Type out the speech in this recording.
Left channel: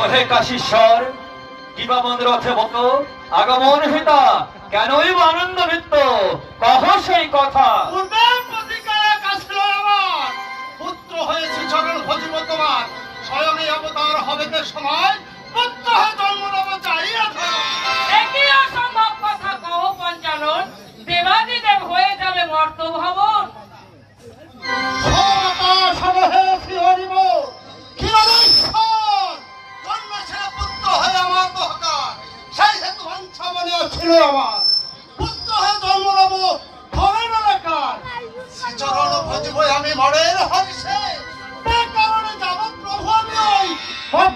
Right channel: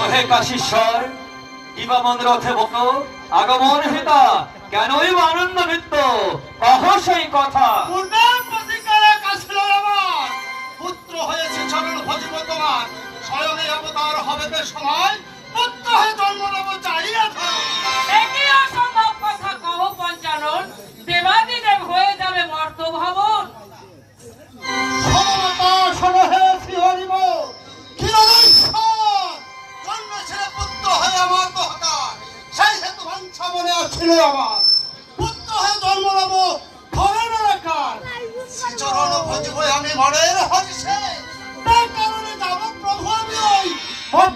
ওহে কাশীশ্বর, কিবা মন রথে বক আগমন হেতা কেনই বা আনন্দ নৃত্য, কহ সেই কথা। পূর্বের প্রতিকারে কাশলো আমার পুত্র হয়েছে চরণ ভজিব তোমার, স্বয়ং এই অবতার হবে তে সময়, পুত্র হয়ে জন্ম নেব চাইয়া ধরা। একই অসম্ভব কথা কহ পঞ্চানন, দেবাদিদেব হয়ে যাবে মর্ত ভবন। সমতা সমহে শ্রীহরিব ক্ষীরোশ্বর, জন্ম ছিল পুত্র হয়ে আমার দহকার, সেই হেতু বাঞ্ছা মনে ছিল আমার, পুত্র হয়ে জন্ম নেব ধরণের শ্রীচরণ ভজিব আমি মরের হরিষে, তার কারণে যাব প্রভু আমি ওই